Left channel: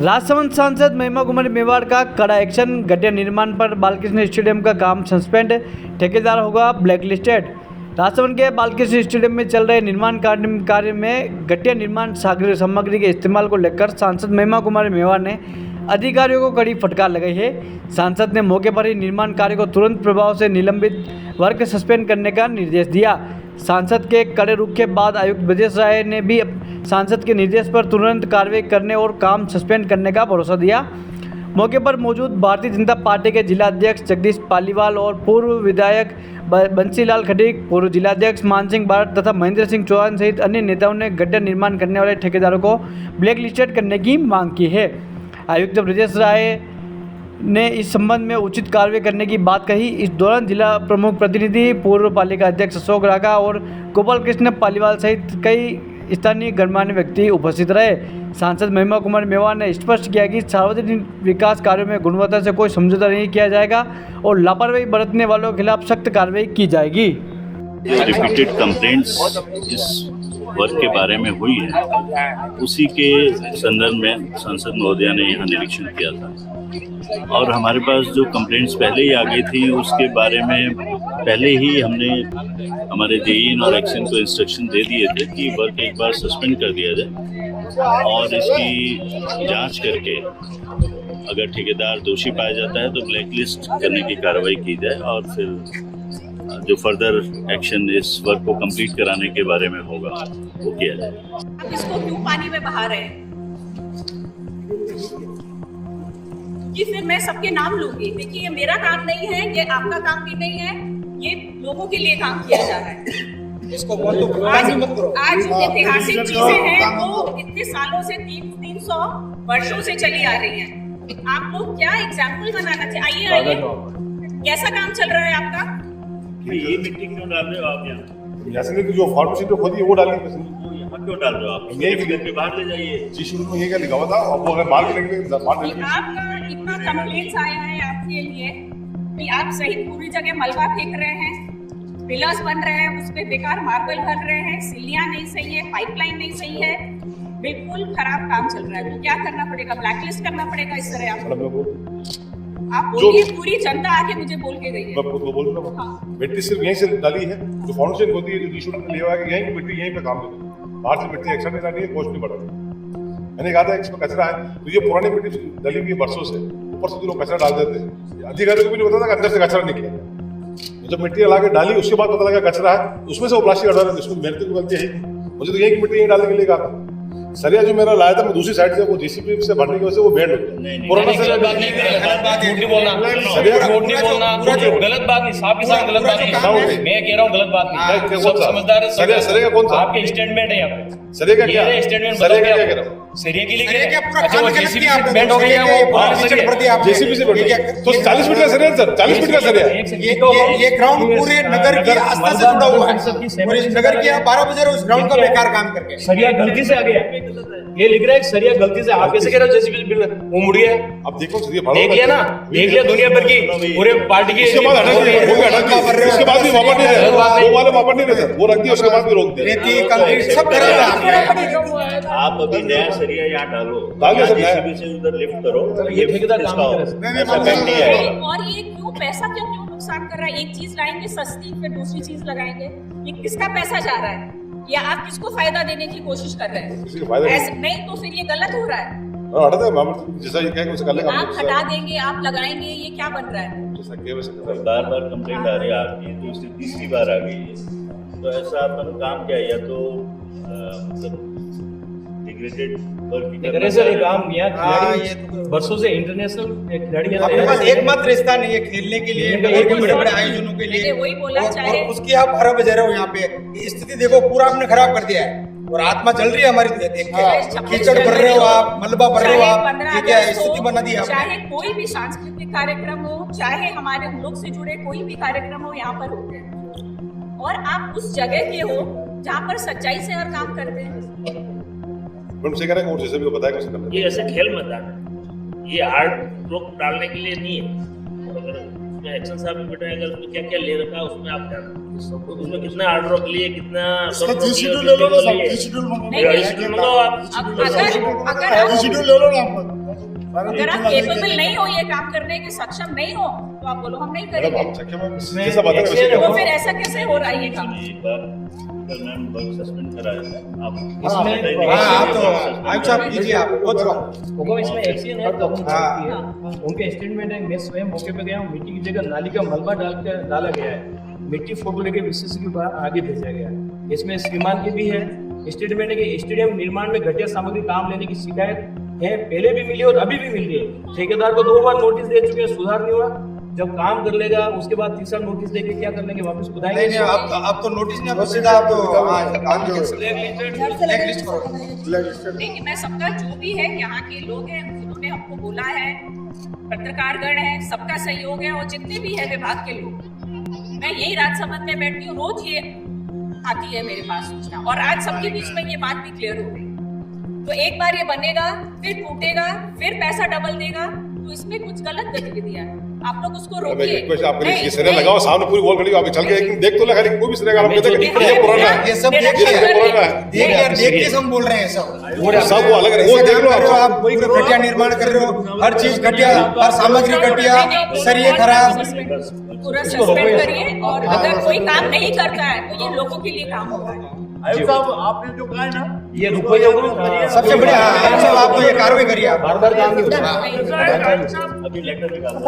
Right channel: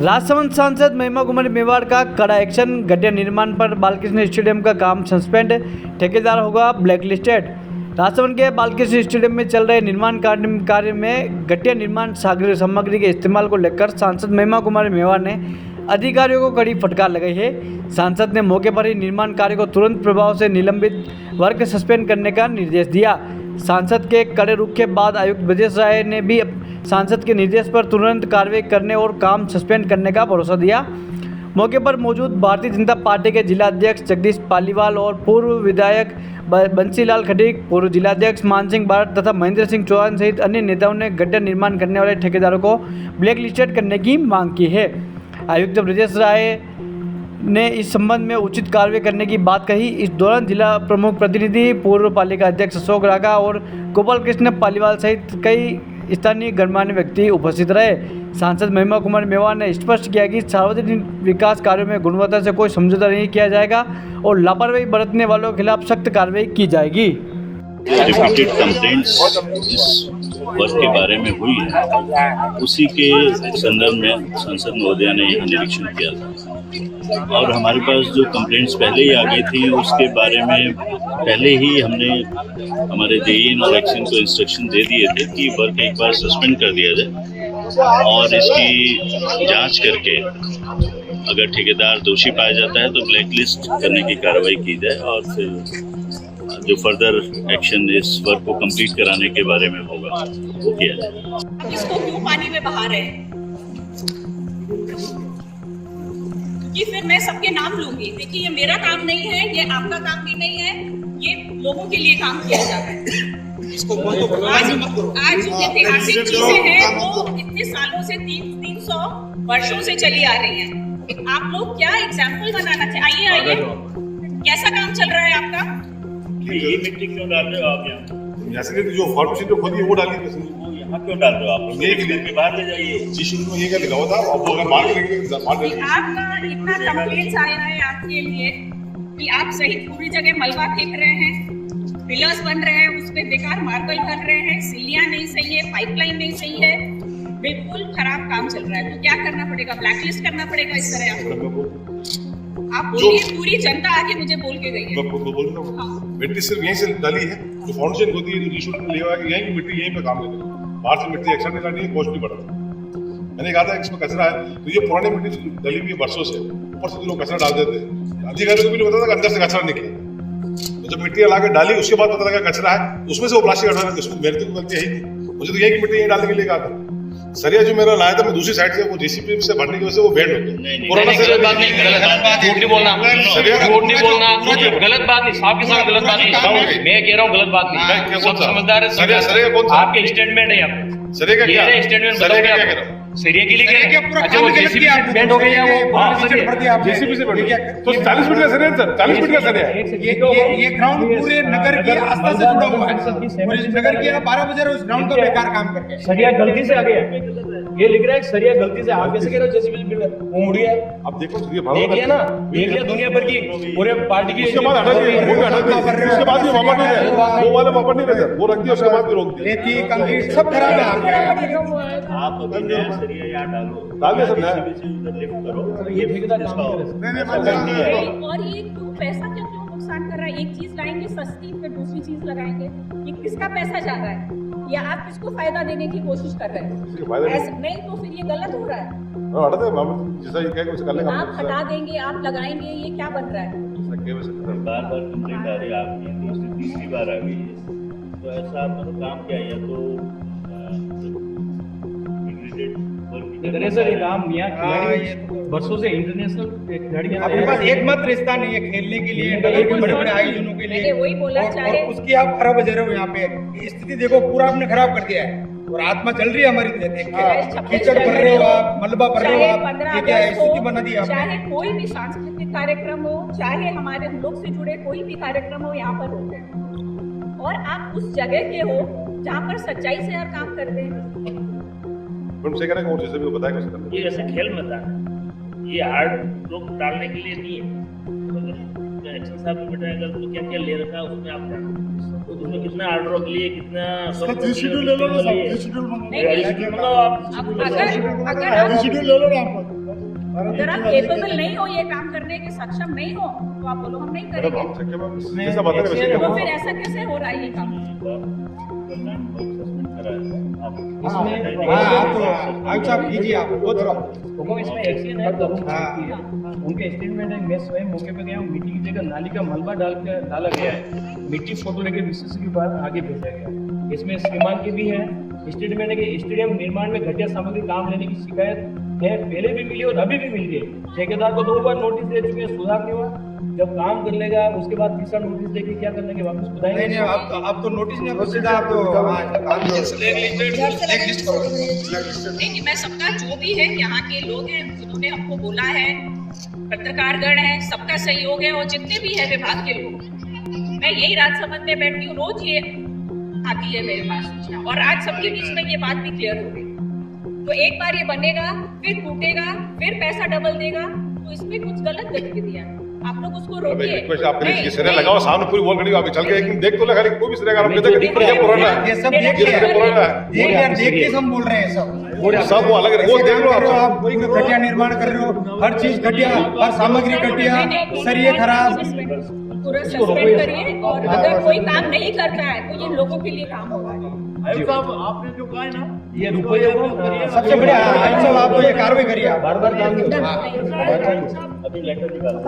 राजसमंद सांसद महिमा कुमारी मेवाड़ का कड़ा एक्शन। गड्ढे निर्माण पर बालकृष्ण स्टेडियम का काम सस्पेंड, ठेकेदार होगा ब्लैक लिस्टेड। राजसमंद के बालकृष्ण स्टेडियम में चल रहे निर्माण कार्य में गड्ढे निर्माण सामग्री के इस्तेमाल को लेकर सांसद महिमा कुमारी मेवाड़ ने अधिकारियों को कड़ी फटकार लगाई है। सांसद ने मौके पर ही निर्माण कार्य को तुरंत प्रभाव से निलंबित वर्क सस्पेंड करने का निर्देश दिया। सांसद के कड़े रुख के बाद आयुक्त ब्रजेश राय ने भी सांसद के निर्देश पर तुरंत कार्रवाई करने और काम सस्पेंड करने का भरोसा दिया। मौके पर मौजूद भारतीय जनता पार्टी के जिला अध्यक्ष जगदीश पालीवाल और पूर्व विधायक बंसीलाल खटीक, पूर्व जिलाध्यक्ष मान सिंह बारट तथा महेंद्र सिंह चौहान सहित अन्य नेताओं ने गड्ढा निर्माण करने वाले ठेकेदारों को ब्लैक लिस्टेड करने की मांग की है। आयुक्त ब्रजेश राय ने इस संबंध में उचित कार्रवाई करने की बात कही। इस दौरान जिला प्रमुख प्रतिनिधि, पूर्व पालिका अध्यक्ष अशोक रागा और गोपाल कृष्ण पालीवाल सहित कई स्थानीय गणमान्य व्यक्ति उपस्थित रहे। सांसद महिमा कुमारी मेवाड़ ने स्पष्ट किया कि सार्वजनिक विकास कार्यों में गुणवत्ता से कोई समझौता नहीं किया जाएगा और लापरवाही बरतने वालों के खिलाफ सख्त कार्रवाई की जाएगी। जो रिपीटेड कंप्लेंट्स इस वर्क के बारे में हुई है, उसी के संदर्भ में सांसद महोदया ने यहाँ निरीक्षण किया था और हमारे पास जो कंप्लेंट्स पहले ही आ गई थी उसके बारे में पहले ही हमने हमारे जेईन और एक्शन को इंस्ट्रक्शन दे दिए थे कि वर्क एक बार सस्पेंड कर दिया जाए और इसकी जांच करके अगर ठेकेदार दोषी पाया जाता है तो ब्लैक लिस्ट करने की कार्रवाई की जाए और फिर जो फर्दर एक्शन इस वर्क को कंप्लीट कराने के बारे में होगा वो किया जाए। इसको क्यों पानी में बहा रहे हैं कि फिर मैं सबके नाम लूंगी। देखिए, ये मेरा काम नहीं है, ये आपका काम भी नहीं है, ये लोगों के लिए काम किया जा रहा है। इसको आज जो ऐतिहासिक चीजें हैं वो इतने सालों से 300 वर्षों से चली आ रही हैं। आप लोग क्या एग्जाम्पल बनाना चाहिए? आइए, कैसा काम चल रहा है आपका? ये मिट्टी क्यों डाल रहे हो आप यहाँ? जैसे जो फॉर्मेशन पे खोदी है वो डालिए, यहाँ क्यों डाल रहे हो आप? ये घर के बाहर ले जाइए। जी शुरू में ये क्या लिखा हुआ था, अब वो अगर बाहर निकलेंगे तो बाहर निकलेंगे। आपका इतना कंप्लेंट्स आया है आपके लिए कि आप सहित पूरी जगह मलबा फेंक रहे हैं, पिलर्स बन रहे हैं, उस पे बेकार मार्बल भर रहे हैं, सीलियां नहीं सही है, पाइपलाइन नहीं सही है, बिल्कुल खराब काम चल रहा है। तो क्या करना पड़ेगा? ब्लैकलिस्ट करना पड़ेगा इस तरह आप बोलिए। पूरी जनता आके मुझे बोल के गई है। हाँ। मिट्टी सिर्फ यहीं से डाली है, जो फाउंडेशन होती है, जो रीशूट में लिया हुआ है, यहीं की मिट्टी यहीं पे काम लेती है। बाहर से मिट्टी एक्स्ट्रा नहीं डालनी है, कॉस्ट नहीं बढ़ा। मैंने कहा था इसमें कचरा है, तो ये पुरानी मिट्टी डली हुई है वर्षों से, ऊपर से लोग कचरा डाल देते हैं। अधिकारियों को भी नहीं पता था कि अंदर से कचरा निकले। जब मिट्टी ला के डाली उसके बाद पता लगा कचरा है, उसमें से वो प्लास्टिक हटा रहे थे। उसमें मेरे को गलती है ही नहीं, मुझे तो यही की मिट्टी यहीं डालने के लिए कहा था। सरिया जो मेरा लाया था मैं दूसरी साइड से, वो जेसीबी से भरने की वजह से वो बेंड हो गया। गलत बात नहीं, झूठ नहीं बोलना, झूठ नहीं बोलना, गलत बात नहीं, साफ के साथ गलत बात नहीं। मैं कह रहा हूँ गलत बात नहीं, सब समझदार है। आपके स्टेटमेंट है यहाँ पे, ये स्टेटमेंट बताओ क्या सरिया के लिए क्या? अच्छा, वो जेसीबी से बेंड हो गया, वो पुराने सरिया जेसीबी से बेंड हो गया। तो 40 फीट का सरिया सर, 40 फीट का सरिया। ये ग्राउंड पूरे नगर की आस्था से जुड़ा हुआ है। पूरे नगर की 12 बजे उस ग्राउंड का बेकार काम करके सरिया गलती से आ गया। ये लिख रहा है सरिया गलती से। आप कैसे कह रहे हो जेसीबी से वो मुड़ गया? अब देखो देख लिया ना, देख लिया दुनिया भर की पूरे पार्टी की। उसके बाद भी वापस नहीं देते, वो रख दिया, उसके बाद भी रोक दिया। रेती कंक्रीट सब खराब है। आप अभी नया सरिया यहाँ डालो, जेसीबी से उधर लिफ्ट करो। ये ठेकेदार काम और ये क्यों पैसा क्यों नुकसान कर रहा है? एक चीज लाएंगे सस्ती, फिर दूसरी चीज लगाएंगे। ये किसका पैसा जा रहा है या आप किसको फायदा देने की कोशिश कर रहे हैं? ऐसे नहीं तो फिर ये गलत हो रहा है। आप हटा देंगे, आप लगाएंगे, ये क्या बन रहा है? बार बार कंप्लेंट आ रही है आपकी, दूसरी तीसरी बार आ गई है। तो ऐसा आपका काम क्या है? या तो सर काम यहाँ खिलाड़ी वर्षों से इंटरनेशनल खिलाड़ी एकमात्र स्थान है ये खेलने के लिए, बड़े आयोजनों के लिए। वही बोला चाहे उसकी आप 12 बजे रहे हो यहाँ पे, स्थिति देखो पूरा आपने खराब कर दिया है और आत्मा चल रही है हमारी देख के। कीचड़ भर रहे हो आप, मलबा भर रहे हो आप, ये क्या स्थिति बना दी आपने? चाहे कोई भी सांस्कृतिक कार्यक्रम हो, चाहे हमारे हम लोग से जुड़े कोई भी कार्यक्रम हो, यहाँ पर होते हैं और आप उस जगह के हो जहाँ पर सच्चाई से हर काम करते हैं। ये ऐसे खेल मैदान है, ये हार्ड रोक डालने के लिए नहीं है। अगर एक्शन साहब ने बेटा अगर उसमें क्या क्या ले रखा है उसमें आप ध्यान, तो उसमें कितना हार्ड रोक लिए, कितना शेड्यूल ले लो ना, शेड्यूल मंगाओ आप। अगर शेड्यूल ले लो ना। अगर आप केपेबल नहीं हो ये काम करने के, सक्षम नहीं हो, तो आप बोलो हम नहीं करेंगे। जैसा बता रहे तो फिर ऐसा कैसे हो रहा है ये काम? सस्पेंड कराया था आप इसमें आप तो आयुष साहब कीजिए, आप बहुत हुकुम इसमें एक्शन है, तरुण हाँ। भारती है। उनके स्टेटमेंट है, मैं स्वयं मौके पे गया हूँ, मिट्टी की जगह नाली का मलबा डाला गया है, मिट्टी फोटो लेके विशेष के बाद आगे भेजा गया है। इसमें श्रीमान के भी है स्टेटमेंट है कि स्टेडियम निर्माण में घटिया सामग्री काम लेने की शिकायत है, पहले भी मिली और अभी भी मिल रही है। ठेकेदार को 2 बार नोटिस दे चुके हैं, सुधार नहीं हुआ। जब काम कर लेगा उसके बाद तीसरा नोटिस देके क्या कर लेंगे, वापस खुदाएंगे। नहीं, आप तो नोटिस नहीं, आप सीधा आप ब्लैक लिस्ट करो। देखिए मैं सबका जो भी है, यहाँ के लोग हैं जिन्होंने हमको बोला है, पत्रकारगण है, सबका सहयोग है, और जितने भी है विभाग के लोग, मैं यही राजसमंद में बैठती हूँ, रोज ये आती है मेरे पास सूचना, और आज सबके बीच में ये बात भी क्लियर हो गई। तो एक बार ये बनेगा, फिर टूटेगा, फिर पैसा डबल देगा, तो इसमें कुछ गलत गतिविधियां हैं। आप लोग उसको रोकिए। आपने ये सिरे लगाओ, सामने पूरी वॉल खड़ी आगे चल गए, लेकिन देख तो लगा नहीं, कोई भी सिरे का हमें जो दिख रहा है, ये सब देख के हम बोल रहे हैं सब सब अलग है, वो देख कर रहे हो आप, कोई घटिया निर्माण कर रहे हो, हर चीज घटिया, हर सामग्री घटिया, सरिये खराब। पूरा सस्पेंड करिए, और अगर कोई काम नहीं करता है तो ये लोगों के लिए काम होगा। आपने जो कहा ना, ये रुपये सबसे बड़े आप तो ये कार्रवाई करिए, बार बार काम नहीं होता। नहीं। अभी लेटर निकाला।